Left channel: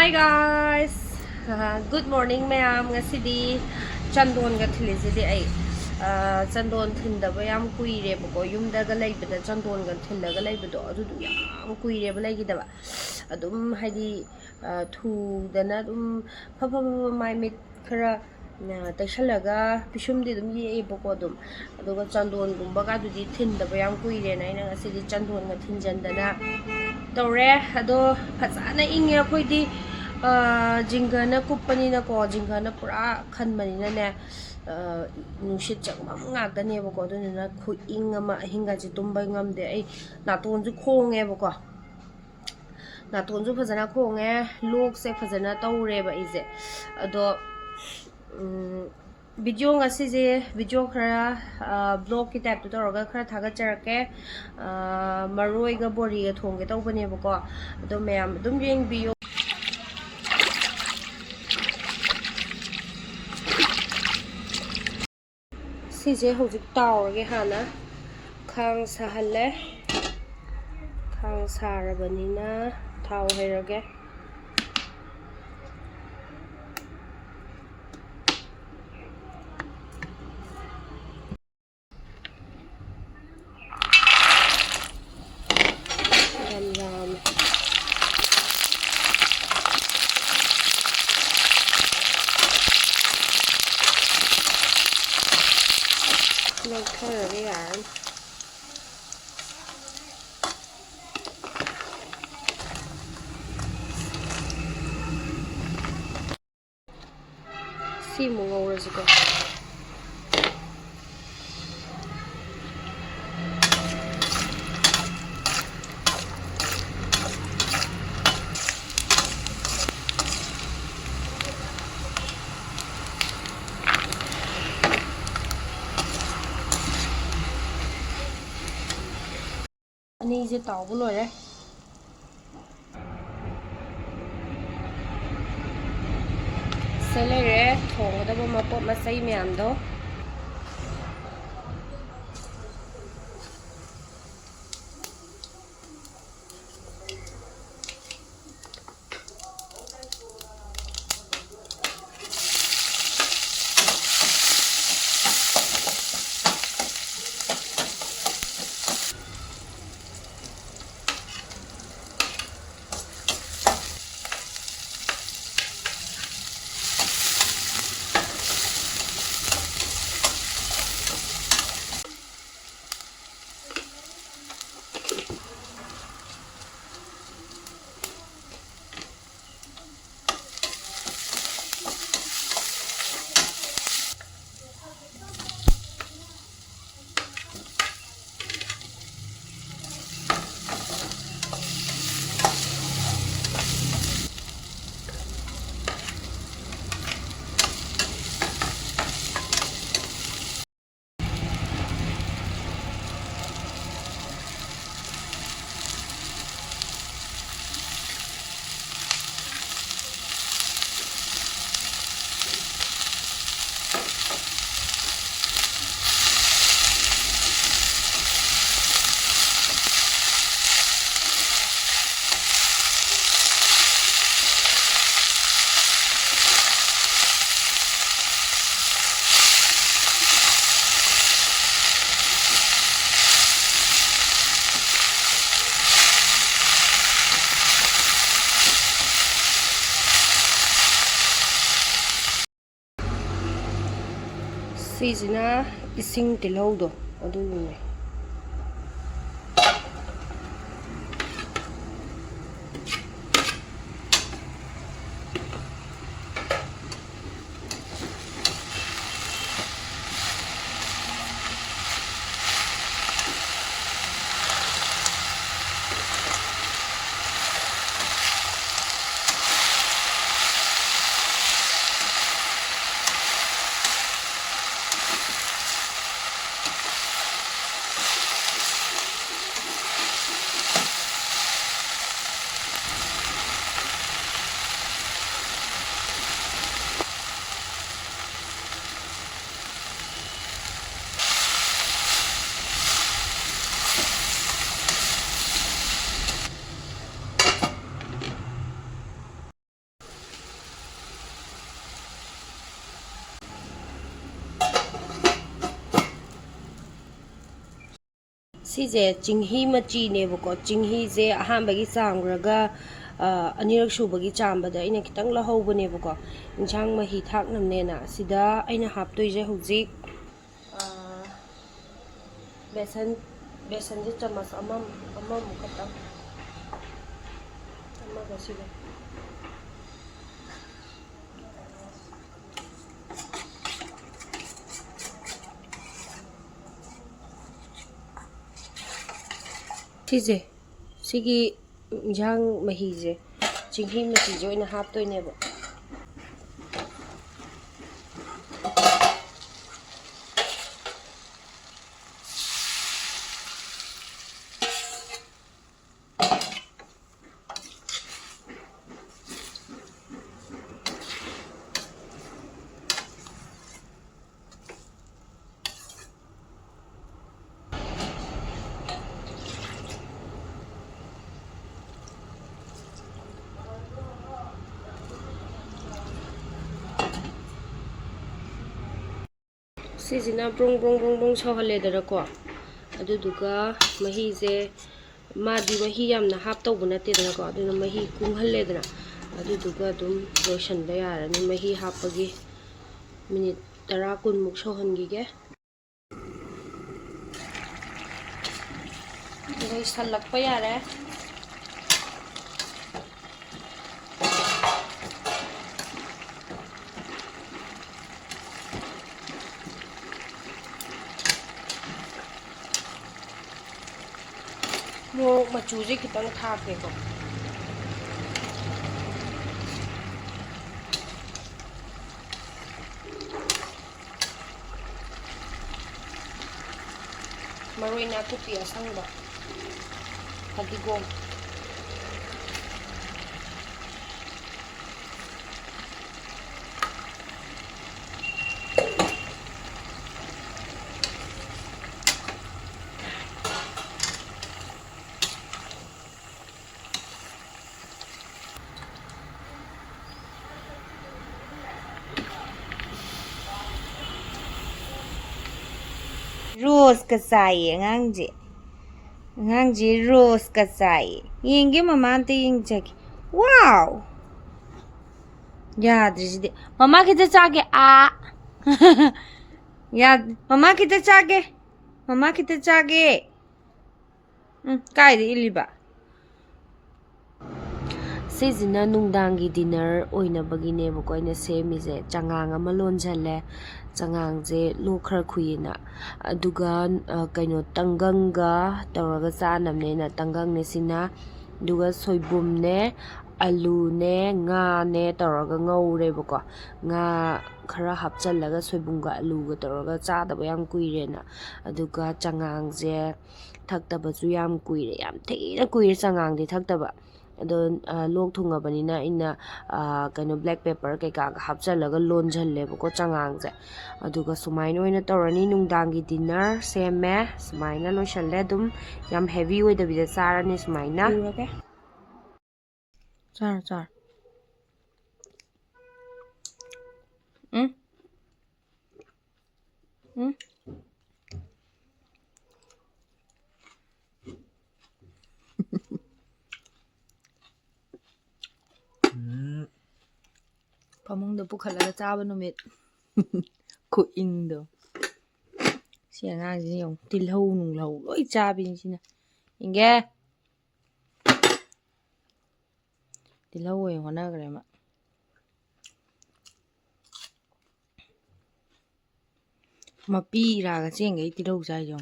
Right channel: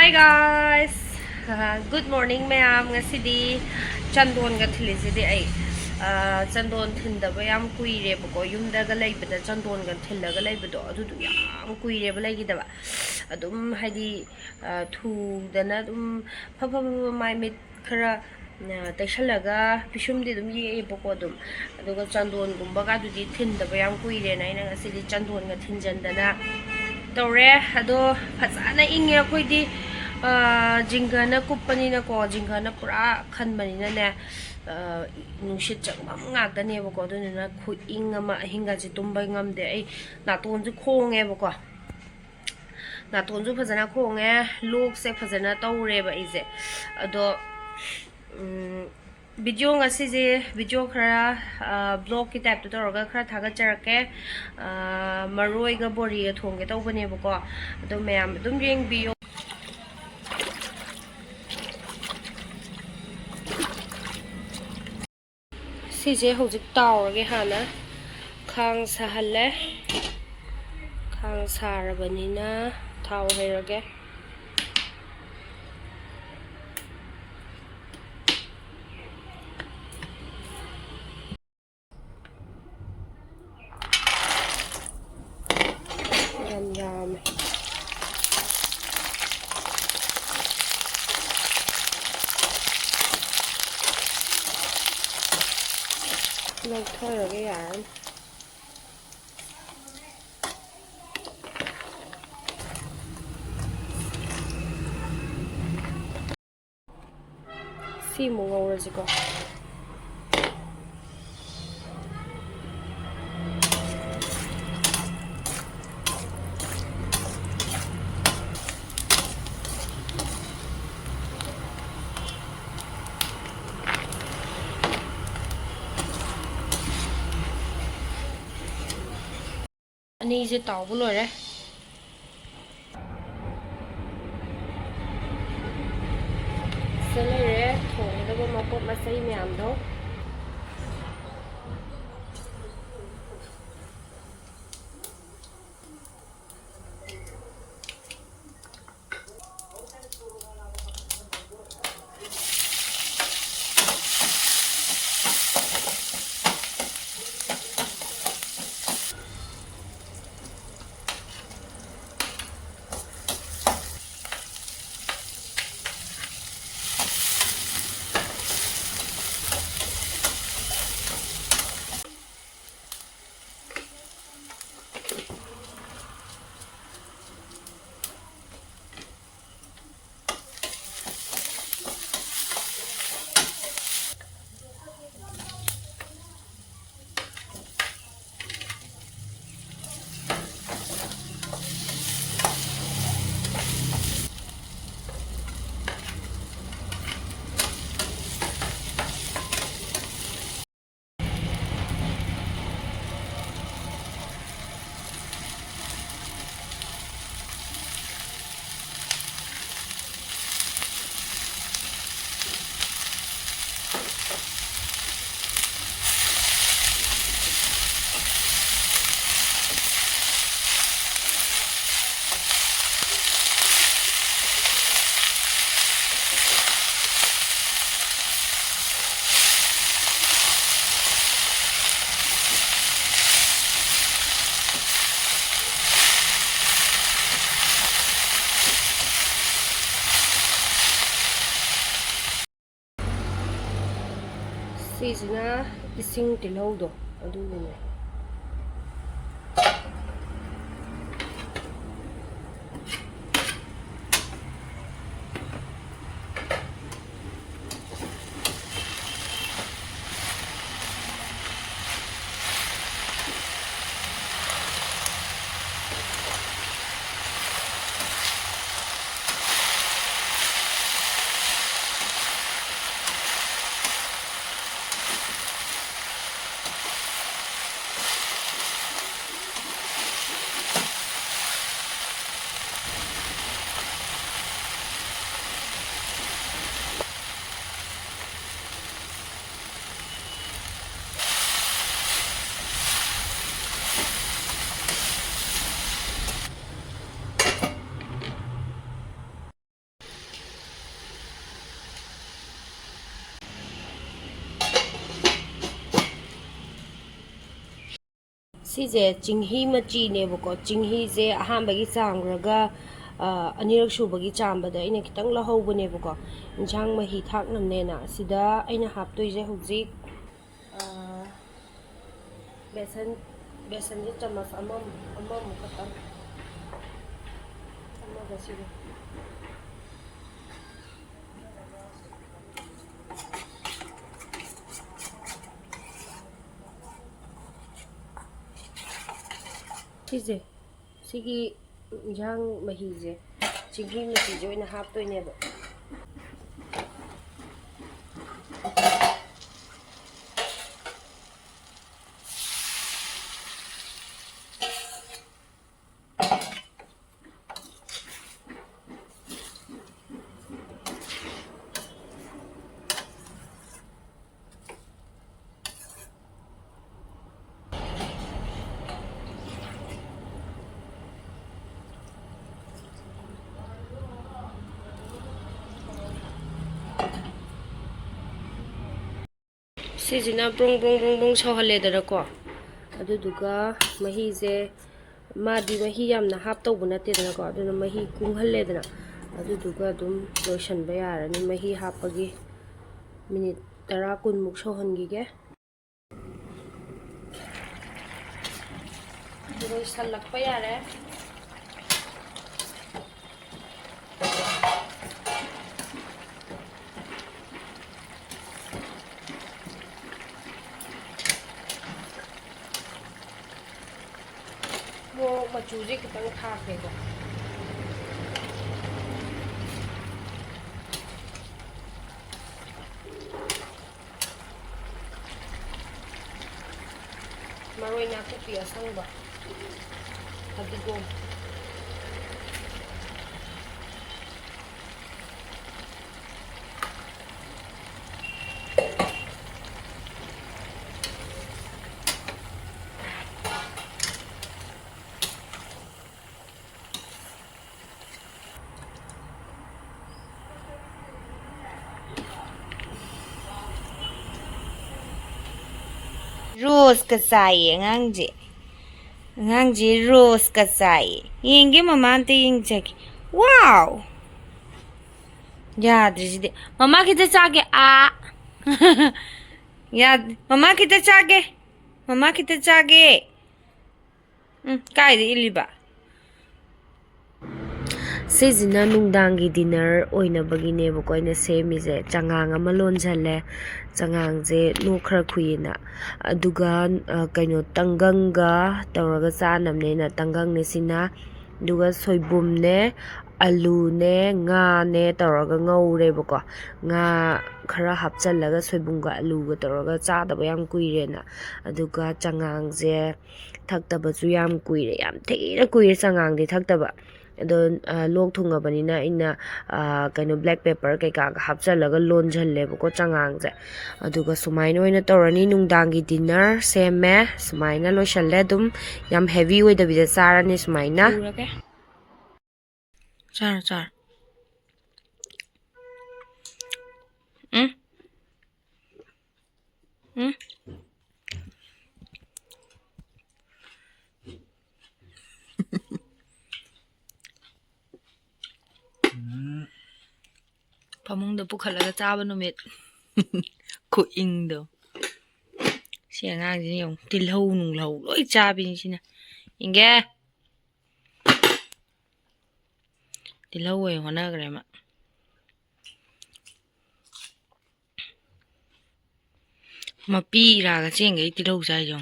Hi guys! Good morning ma'am. Ngasidi chandon ga thilisidi ai. Chandon thindaba yam kuireba ko yumdaga laibada chandon ga thillaga laibado adudu yam kuireba laigidaba. Adum haidi thudana adum pha mai mit khara taishalaga pishumdi dum yeeba ko dum aduga chandon gumba ga dudi thindaba yam kuire na ina ngasidi chandon ga thinjandana tore ado fazana inge akhoi jingana kupani na ko jingana pura khanmani na ne nushit changmam ngakda ne ba ko do na khu ing ama hinga ji tumbai ngamde ai naton ju khonge ba ko naton ju fazana khonge lok se fazana tawre ba ije ado video ngasi je video khara blog ki type to tawra khara thaga charake maroi ga bori ga thongge tawbane ba ko ado mayam dum yeng biyo sije hojik tawrage hana khang sahalle khang sarabanina thau hairage yam lagtharage yan si mo ngawrajiko ani je tawbu lore selere thongdaba mapot masai myam do sijina ising tilhaudo adune ꯁꯤꯁꯦ ꯆꯤꯡꯍꯤ ꯃꯆꯤꯅꯦꯕꯀꯣ ꯆꯤꯡꯍꯤꯁꯦ ꯑꯍꯥꯟꯕꯒꯤ ꯆꯥꯝꯈ꯭ꯔꯒ ꯑꯅꯤꯔꯛ ꯁꯨꯕꯒꯤ ꯆꯥꯝꯕꯗ ꯑꯩꯅ ꯈꯤꯇꯪ ꯂꯧꯍꯧꯕꯅꯦꯕꯀꯣ ꯏꯟꯁꯥꯡ ꯃꯍꯤ ꯊꯥꯛꯅꯕꯅꯦꯅ ꯁꯤꯗ ꯑꯩꯅ ꯍꯥꯞꯇꯣꯏꯁꯦ ꯍꯧꯖꯤꯛ ꯕꯦꯁꯟꯁꯦ ꯆꯥꯃꯁ ꯑꯃꯃꯨꯛ ꯈꯛꯇꯪ ꯑꯃꯒ ꯁꯤꯒ ꯁꯤꯁꯦ ꯁꯤꯒꯤ ꯏꯟꯁꯥꯡ ꯃꯍꯤꯁꯦ ꯆꯤꯡꯍꯤ ꯃꯆꯤꯁꯦ ꯑꯣꯏꯅ ꯍꯥꯞꯇꯣꯏꯅꯦꯕ ꯁꯤꯁꯤꯅ ꯕ꯭ꯔꯣꯡ ꯕ꯭ꯔꯣꯡ ꯕ꯭ꯔꯣꯡ ꯕ꯭ꯔꯣꯡ ꯁꯧꯍꯜꯂꯦꯗꯅꯀꯣ ꯑꯗꯨꯗꯨꯒ ꯃꯍꯤꯁꯦ ꯃꯥꯗꯤ ꯃꯍꯤ ꯌꯥꯝꯅ ꯍꯥꯞꯇꯧꯕ ꯅꯠꯇꯦꯗꯅꯀꯣ ꯑꯗꯨꯅ ꯃꯍꯤ ꯀꯨꯡꯍꯜꯂꯦꯗꯅ ꯑꯗꯨꯗꯨꯒ ꯑꯗꯨꯝ ꯂꯣꯏꯁꯟꯕ ꯌꯥꯔꯅꯤ ꯃꯍꯤ ꯍꯥꯞꯄꯒꯤ ꯃꯤꯅꯤꯠ 10-20ꯃꯨꯛ ꯁꯧꯍꯟꯈꯤꯒꯦ ꯂꯣꯏꯁꯜꯂꯛꯄ ꯌꯥꯔꯦ ꯃꯣꯔꯣꯛ ꯃꯆꯨꯁꯦ ꯈꯤꯇꯪ ꯊꯥꯛꯀꯦꯀꯣ ꯃꯔꯣꯏ ꯅꯥꯀꯨꯞꯄꯤ ꯑꯁꯪꯕ ꯐꯗꯤꯒꯣꯝ ꯔꯣꯁꯀ ꯆꯥꯏꯌꯦ ꯑꯉꯥꯡꯁꯦ ꯔꯣꯁꯀ ꯆꯥꯏꯌꯦ ꯌꯦꯡꯒꯦ ꯃꯃꯥ ꯑꯝꯇ ꯌꯦꯡꯖꯒꯦ ꯋꯥꯎ ꯌꯥꯗ꯭ꯔꯤꯁꯤꯗꯤ ꯃꯃꯥ ꯈꯤꯇ ꯆꯥꯒꯦ ꯃꯃꯥ ꯈꯤꯇ ꯆꯥꯒꯦ ꯀꯥꯏꯗ ꯏꯜꯂꯤꯕ ꯁꯤꯁꯤꯅ ꯅꯨꯡꯗꯥꯡꯒꯤ ꯗꯤꯅꯔ ꯑꯣꯏꯅꯕꯒꯤꯅꯦꯕꯀꯣ ꯑꯩꯅ ꯁꯦꯝꯃꯤꯁꯦ ꯆꯉꯥꯡ ꯑꯃ ꯂꯣꯟꯁꯤꯜꯂꯦ ꯆꯉꯥꯡꯁꯦ ꯂꯣꯛ ꯈꯔ ꯈꯨꯏꯌꯦꯅ ꯑꯗꯨꯒ ꯀꯩꯅꯣ ꯇꯪꯒꯪꯒ ꯇꯧꯔꯒ ꯆꯥꯅꯕꯅꯦꯅ ꯇꯪꯒꯪꯅꯦ ꯁꯤꯅ ꯑꯗꯨꯒ ꯁꯣꯏꯕꯨꯝꯅꯦ ꯑꯂꯨꯅꯦ ꯉꯥꯅꯦ ꯇꯧꯔꯒ ꯉꯧꯔꯦꯕꯀꯣ ꯉꯥ ꯈꯔ ꯍꯥꯞꯆꯜꯂꯒ ꯁꯣꯏꯕꯨꯝꯒ ꯑꯂꯨꯒ ꯇꯧꯔꯒ ꯆꯥꯗꯕ ꯌꯥꯝ ꯀꯨꯏꯔꯦꯅ ꯑꯗꯨꯒ ꯆꯉꯥꯡꯁꯦ ꯊꯛꯇꯕꯁꯨ ꯌꯥꯝ ꯀꯨꯏꯔꯦ ꯌꯥꯝ ꯊꯤꯅ ꯀꯨꯏꯔꯦ ꯆꯉꯥꯡꯗꯤ ꯊꯛꯇꯕ ꯑꯗꯣ ꯂꯣꯛ ꯊꯨꯡꯉꯕꯅꯤꯅ ꯑꯩꯅ ꯀꯩꯅꯣ ꯕ꯭ꯂꯦꯛ ꯄꯦꯄꯔ ꯀꯩꯀꯥꯒ ꯍꯥꯞꯆꯜꯂꯒ ꯂꯣꯟꯁꯤꯜꯂꯦꯕꯀꯣ ꯆꯉꯥꯡꯁꯦ ꯑꯗꯨꯒ ꯁꯨꯃꯥꯏꯅ ꯑꯣꯏꯅ ꯇꯧꯔꯅꯤ ꯅꯨꯡꯗꯥꯡꯒꯤ ꯗꯤꯅꯔ ꯁꯦꯝꯃꯦ ꯁꯨꯃꯥꯏꯅ ꯂꯣꯏꯁꯜꯂꯦ ꯑꯗꯨꯝ ꯌꯥꯝ ꯍꯦꯚꯤ ꯑꯣꯏꯗꯕꯤꯗ ꯆꯥꯔꯅꯤ ꯁꯨꯃꯥꯏꯅ ꯆꯥꯔꯣ ꯐꯃꯨꯡꯗ ꯄꯨꯈꯠꯂꯒ ꯆꯥꯕ ꯅꯨꯃꯤꯠ ꯈꯨꯏꯪꯗꯣ ꯁꯤ ꯑꯉꯥꯡꯁꯤꯅ ꯌꯦꯡꯉꯨ ꯇꯤꯜꯍꯧ ꯅꯨꯡꯂꯧ ꯂꯣꯏ ꯆꯥꯕꯤꯅꯤ ꯁꯤꯅ ꯏꯪꯒꯦ ꯇꯤꯜꯍꯧ ꯑꯣꯏꯅ ꯍꯣꯠꯅꯈ꯭ꯔꯦ ꯃꯥ ꯃꯄꯤ ꯏꯔꯥꯒ ꯆꯦꯡꯒꯩ ꯇꯤꯜꯍꯧ ꯆꯥꯏꯁꯦ